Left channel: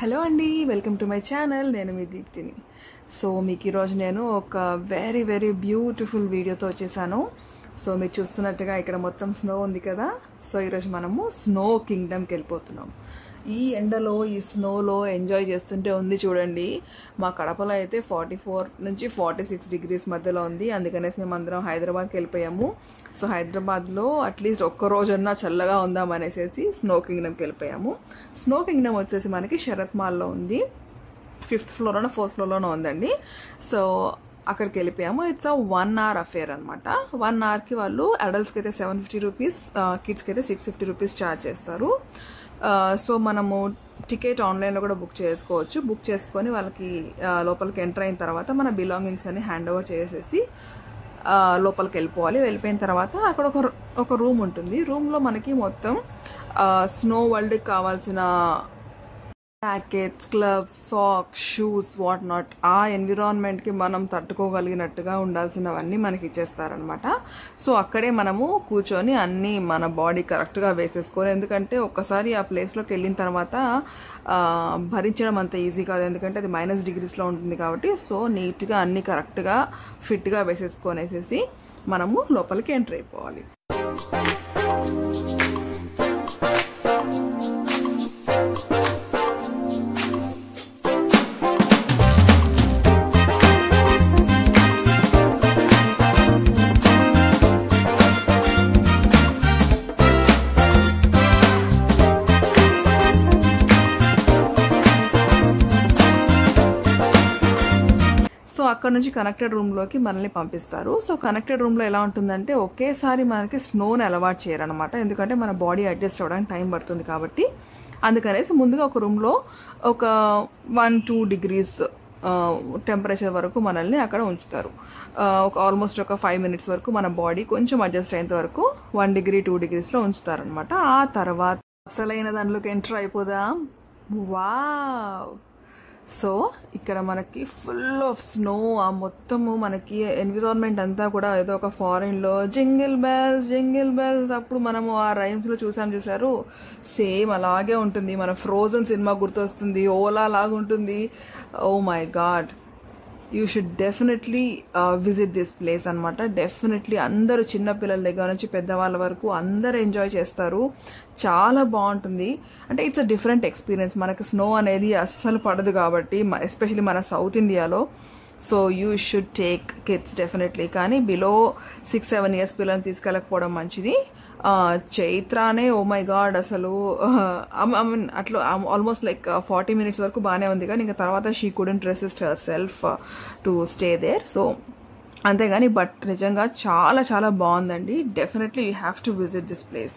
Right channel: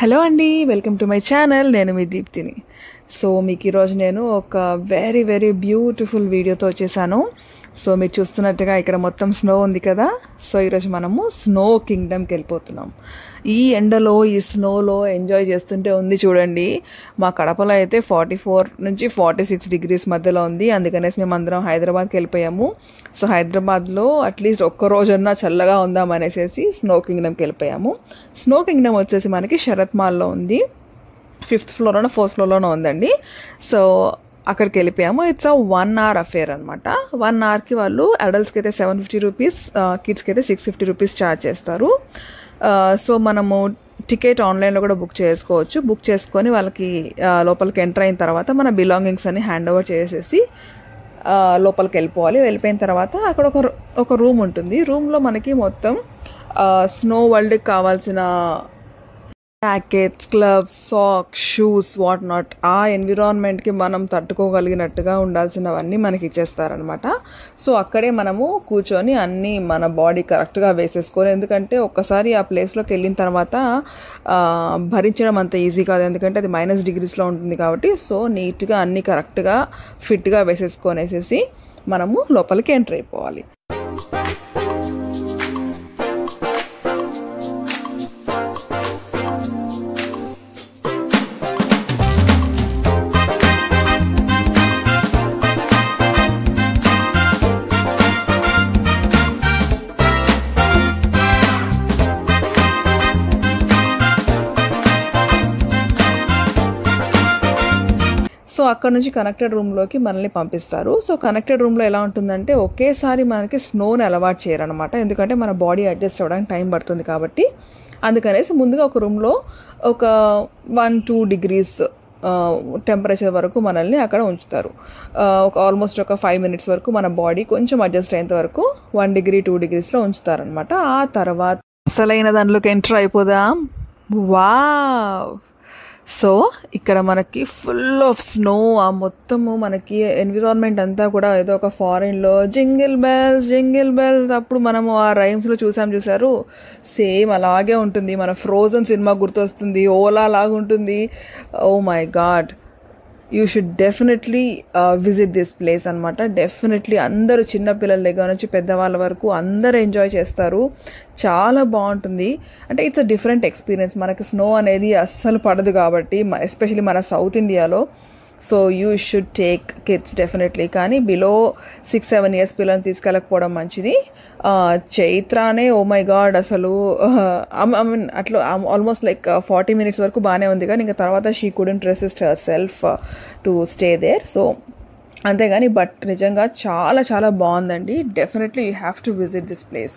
Hello అండి, welcome to my channel. నేను మీ దీప్తిని. So మీకు ఈరోజు నేను ఒక వెరీ బ్యూటిఫుల్ వీడియోతో వచ్చేసాను. సో మీరు చూస్తున్నట్టుగా ఇక్కడ మొత్తం స్నో ఉంది కదా. సో ఈరోజు మనము స్నో కింగ్డమ్కి వెళ్ళిపోతున్నాం. ఈ ఎండలో ఈ స్నోలో ఎంజాయ్ చేస్తుంటే ఉంది చూడండి. మా కడపలో అయితే 44 నుంచి 46 డిగ్రీస్ మధ్యలో ఉంది. అందుకనేసి మేము అందరం హైదరాబాద్కి వెళ్ళిపోయాము. సో హైదరాబాద్లో అట్లీస్ట్ ఒక్క రోజన్నా చల్లగా ఉందామనేసి స్నో కింగ్డమ్కి వెళ్ళిపోయాము. స్నో కింగ్డమ్ వచ్చేసి మనకి శరత్ మాల్లో ఉంది. 5th ఫ్లోర్లోనో 4th ఫ్లోర్లోనో ఉందండి. సో అక్కడికి వెళ్ళిపోయాము. ఇట్స్ 1 hour అఫేర్ అనమాట. 1 hourకి వాళ్ళు అడల్ట్స్కి అయితే 750 రూపీస్, కిడ్స్కి అయితే 650 రూపీస్ ఛార్జ్ చేస్తారు. సో మనము టికెట్ ఆన్లైన్లో కూడా బుక్ చేసుకోవచ్చు. బుక్ చేసుకొని వాళ్ళకి లోపలికి ఎంటర్ అయిన తర్వాత మన బిలాంగింగ్స్ అన్ని హ్యాండ్ ఓవర్ చేసేసి లోపలికి వెళ్ళిపోవాలి. వెళ్ళిపోయిన తర్వాత అక్కడ ఒక రూమ్ ఉంటుంది. రూమ్లో మనకి మొత్తం స్నో వరల్డ్కి కావాల్సిన jackets, gloves, socks, shoes, what not ఆ ఎన్విరాన్మెంట్కి మనం తట్టుకోగలిగినట్టుగా ఉండాల్సినవన్నీ మనకి ఇచ్చేస్తారనమాట. సో అక్కడే మనము కూర్చొని అన్నీ మన బాడీ కరెక్ట్గా వేసేసుకోవాలి. ఎందుకంటే ఒక్కసారి ఆ ప్లేస్లోకి వెళ్ళిన తర్వాత భరించడం అంత ఈజీ కాదు. ఎందుకంటే అది -డిగ్రీస్లో ఉంటుంది కాబట్టి. సో నీట్గా అన్నీ కరెక్ట్గా ఫిట్గా వేసేసుకొనేసేసి మనము లోపలికి ఎంటర్ అయిపోవాలి. సో అక్కడ నుంచి కనెక్టెడ్ రూమ్లోకి మనల్ని పంపిస్తారు. సో కనెక్టెడ్ రూమ్లో ఎలా ఉంటుందంటే ఒకేసారి మనకి స్నోని అలవాటు చేయరనమాట. ఎందుకంటే మన బాడీ అడ్జస్ట్ అవ్వడానికి టైం పడుతుంది కాబట్టి. అందుకనేసి ముందుగా ఒక రూమ్లో ఒక 1-2 డిగ్రీస్ టెంపరేచర్ వరకు మనల్ని అక్కడ ఉంచుతారు. ఆల్మోస్ట్ ఒక 5 minutes వరకు మన బాడీ కొంచెం అడ్జస్ట్ అయ్యేంత వరకు 1 degree 2 degreesలో ఉంచుతారనమాట. ఆ తర్వాత అసలైన దానిలోకి ఎంటర్ అయిపోదాం. వావ్! సో ఇక్కడ మనకి ఫుల్ ఆఫ్ స్నో. ఆ మొత్తము మనకి ఎన్విరాన్మెంట్ అంతా కూడా ఏదో ఒక ఫారెన్లో జింగిల్ బెల్స్ అప్పుడు మనము ఆ రైమ్స్లో చూసారు. సేమ్ అలాగే ఉంటుంది. మన ఫ్రోజన్ సినిమా గుర్తొస్తుంది. ఓలా లాగా ఉంటుంది. Oh my god, you should definitely visit this place అనమాట. డెఫినెట్లీ అందరూ చిన్నపిల్లల దగ్గర నుంచి పెద్దవాళ్ళ వరకు అందరూ ఎంజాయ్ చేస్తారు. చాలా బాగుంటుంది. అంటే ఇట్స్ అ డిఫరెంట్ ఎక్స్పీరియన్స్. మనకి స్నో అనేది అస్సలు పడదు కాబట్టి, ఎస్పెషలీ మన సౌత్ ఇండియాలో. So you should take kids definitely. కానీ బిలో 6-7 years పిల్లల్ని తీసుకెళ్ళకపోవడం మంచిది. చైత్రానే ఓ మై గాడ్ అసలు అట్లా ఆల్మోస్ట్ లైక్ 40 minutes వరకు బాగానే ఉంది. కానీ ఇంకా తర్వాత she couldn't resist herself to stay there. So అంతేగాని బట్ నిజంగా చాలా బాగుందండి. Definitely you have to visit this place.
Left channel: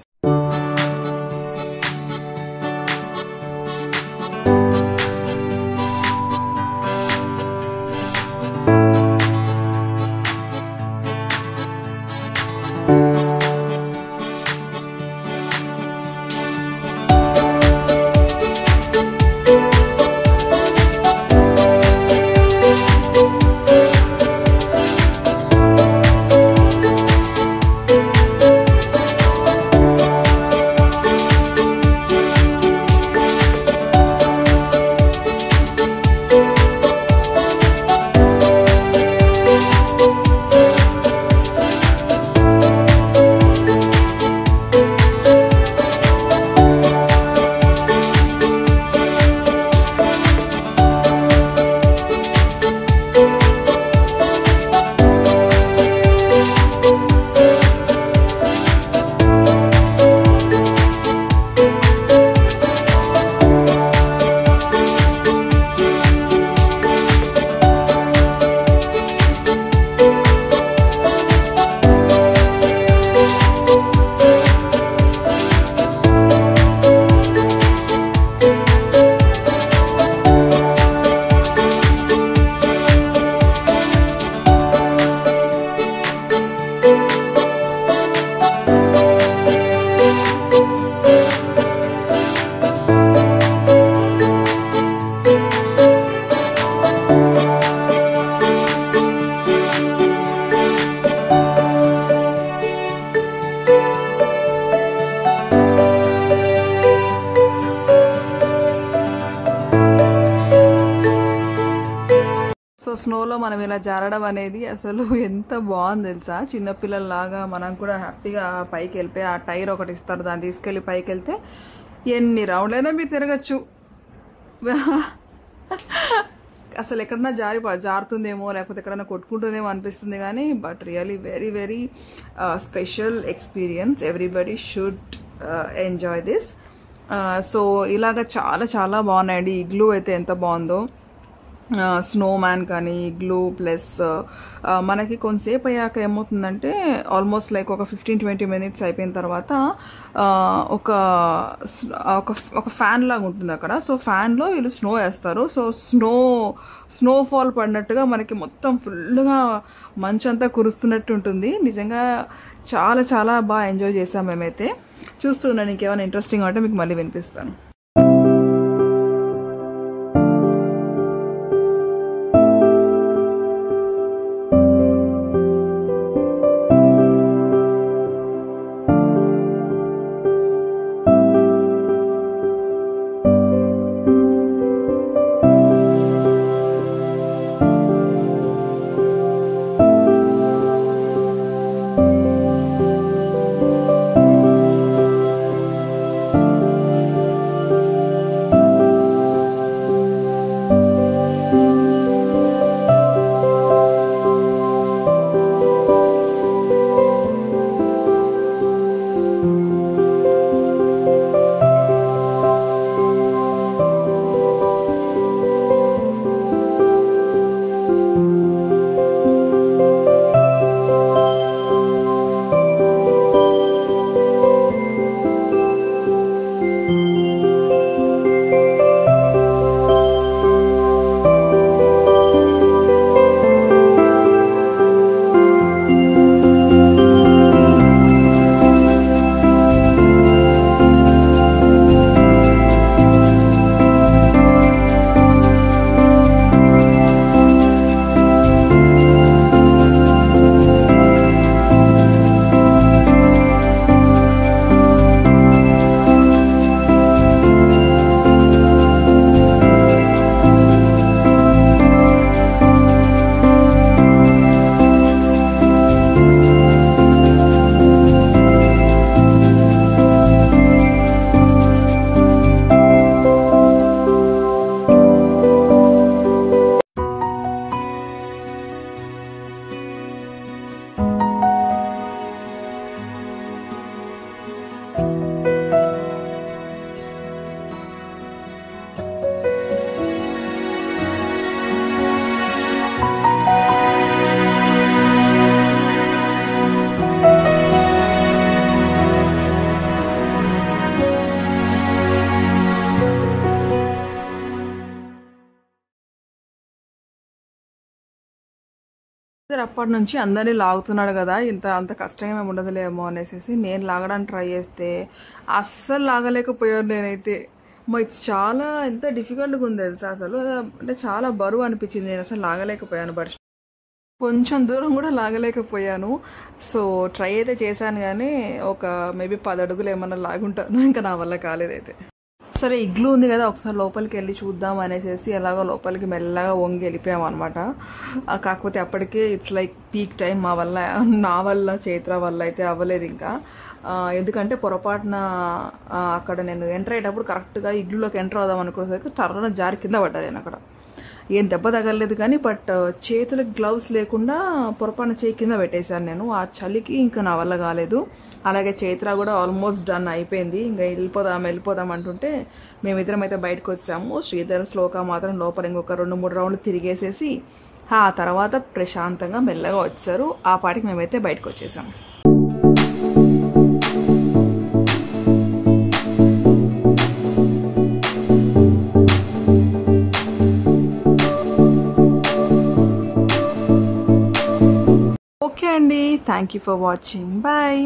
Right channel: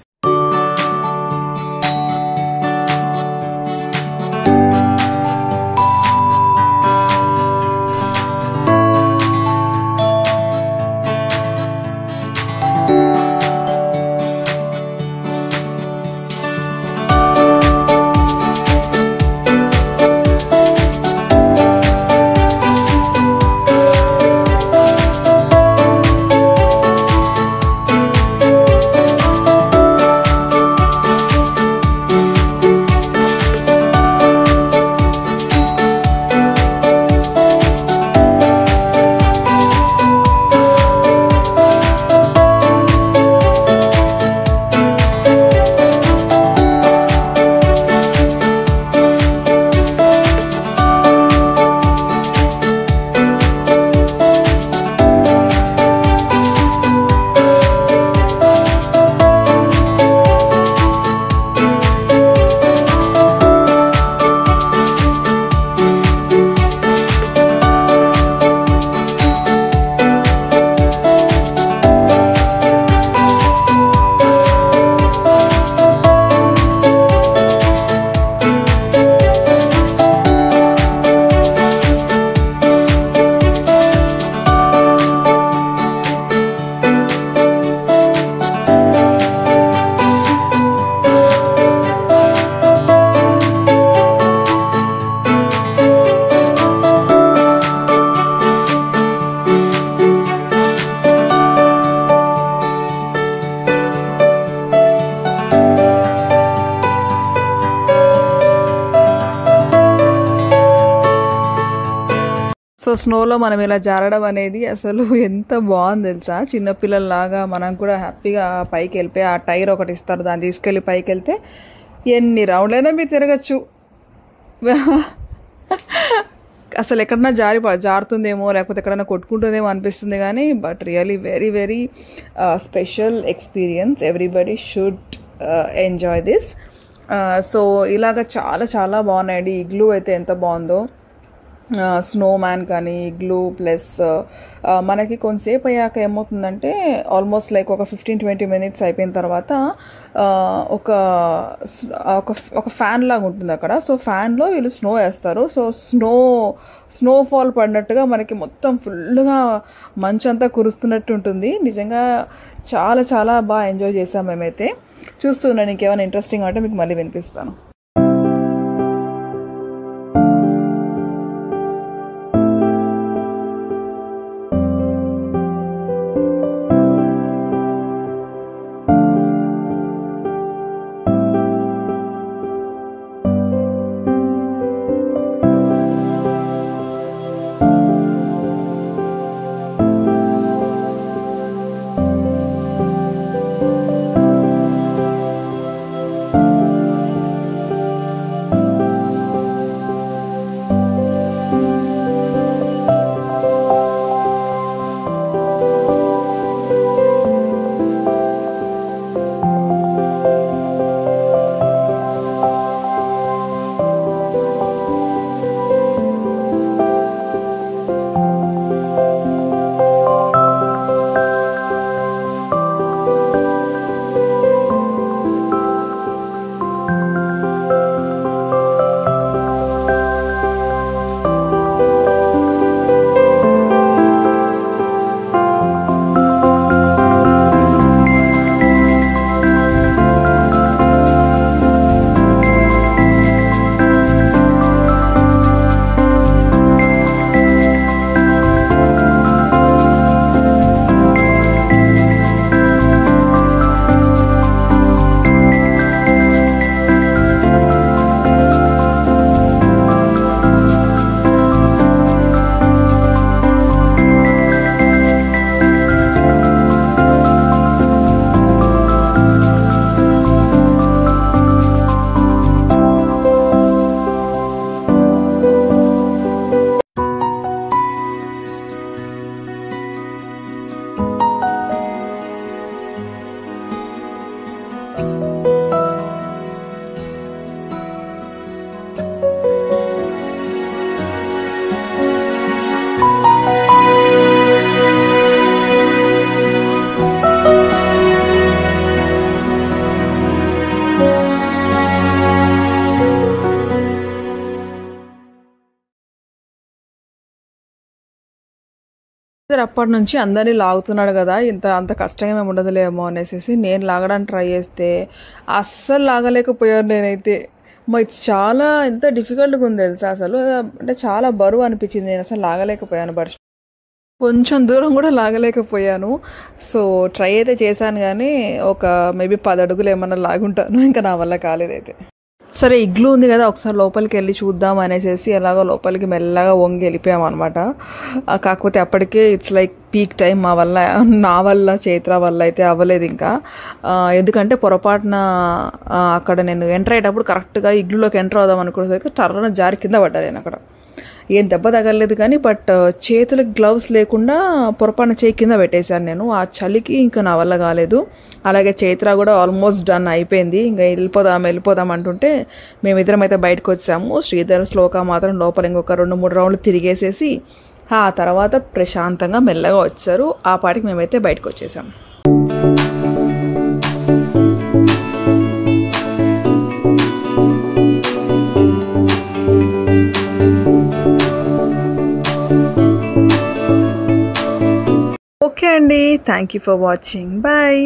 So స్నోలో మనం ఇలా జారడం అనేది అసలు ఎంత బాగుంది తెలుసా. చిన్నపిల్లల్లాగా మనం కూడా హ్యాపీగా పైకి వెళ్ళిపోయి ఆ టైర్ ఒకటి ఇస్తారు, దాన్ని తీసుకెళ్ళి పైకి వెళ్తే ఎన్ని రౌండ్లైనా మీరు తిరగచ్చు. అసలు ఎక్కడన్నా జారుతుందేమో లేకపోతే ఎక్కడైనా కొట్టుకుంటుందేమో అనిపిస్తుంది కానీ but really very very special experience. Everybody should enjoy this. So ఇలాగ చాలా చాలా బాగున్నాయండి. ఇగ్లూ అయితే ఎంత బాగుందో, స్నో మ్యాన్ కానీ ఇగ్లూ ప్లస్ మనకి కొంతసేపు అయ్యాక ఏమవుతుందంటే ఆల్మోస్ట్ లైక్ ఒక 15-20 minutes అయిపోయిన తర్వాత ఒక ఒక ఫ్యాన్ లాగా ఉంటుంది అక్కడ. సో ఫ్యాన్లో వీళ్ళు స్నో వేస్తారు. సో స్నోఫాల్ పడినట్టుగా మనకి మొత్తం ఫుల్గా మంచంతా కురుస్తున్నట్టు ఉంటుంది. నిజంగా చాలా చాలా బాగా ఎంజాయ్ చేసాం మేమైతే. చూస్తున్నాను, ఇంకేమైనా ఇంట్రెస్టింగ్ అంటే మీకు మళ్ళీ వినిపిస్తాను. అప్పటి నుంచి అందరినీ లాగుతున్నాడు కదా, అంత కష్టంగా మేము ఉండదులేమో అనేసి నేను లాగడానికి ట్రై చేస్తే అస్సలు లాగలేకపోయాను నేనైతే. ఇట్స్ చాలా ఎంత డిఫికల్ట్గా ఉంది తెలుసా అసలు. అంటే చాలా బరువు అనిపించింది, నేను అసలు లాగలేకపోయాను. కొంచెం దూరం కూడా లాగలేకపోయాను. సో ట్రై అయితే చేశాను కానీ ఒక మేబీ 10 అడుగులు ఏమన్నా లాగుంటాను, ఇంకా నా వల్ల కాలేదైతే. సరే ఇగ్లూ ఉంది కదా, ఒకసారి లోపలికి వెళ్ళి చూద్దాం అనేసి ఎలాగో లోపలికి మెల్లగా వంగి వెళ్ళిపోయాం అనమాట. కాకపోతే అప్పటికే ఇట్స్ లైక్ పీక్ టైం నా వల్ల చైత్ర వల్ల అయితే అవ్వలేదు ఇంకా. ఎందుకంటే పొరపాటున అక్కడ నేను ఎంటర్ అయ్యేటప్పుడు కరెక్ట్గా ఇగ్లూలోకి ఎంటర్ అవుదాం అనుకునేసరికి టర్రన జారి కింద పడ్డా నేను అక్కడ. ఏం దెబ్బ తగలలేదు కానీ బట్ చేతులకు గ్లౌస్ లేకుండా పొరపాటున చేయి కింద పెట్టేశాను నేను. ఆ చలికి ఇంకా నా వల్ల కాలేదు. అలాగే చైత్ర కూడా ఆల్మోస్ట్ డన్ అయిపోయింది, ఇంకా వెళ్ళిపోదాం అంటుంటే మేమిద్దరం అయితే బయటకు వచ్చాము. శ్రీధర్ శ్లోక మాత్రం లోపల ఇంకొక 2-3 రౌండ్లు తిరిగేసేసి ఆ తర్వాత ప్రశాంతంగా మెల్లగా వచ్చారు. ఆ పాటికి మేమైతే బయటకు వచ్చేసాము. ఓకే అండి, thank you for watching, bye.